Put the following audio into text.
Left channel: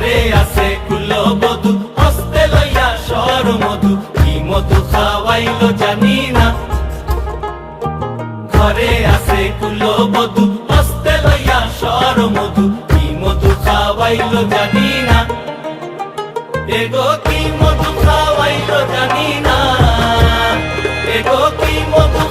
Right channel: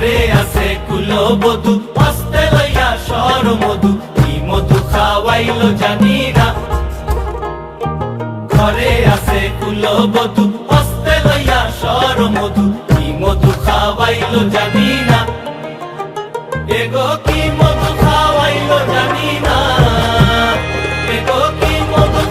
ঘরে আছে কুলবধূ হস্তে লইয়া সর মধু কি মধু খাওয়াইলো জানি না ঘরে আছে কুলবধূ হস্তে লইয়া সর মধু কি মধু খাওয়াইলো জানি না এগো কি মধু খাওয়াইলো জানি না এগো কি মধু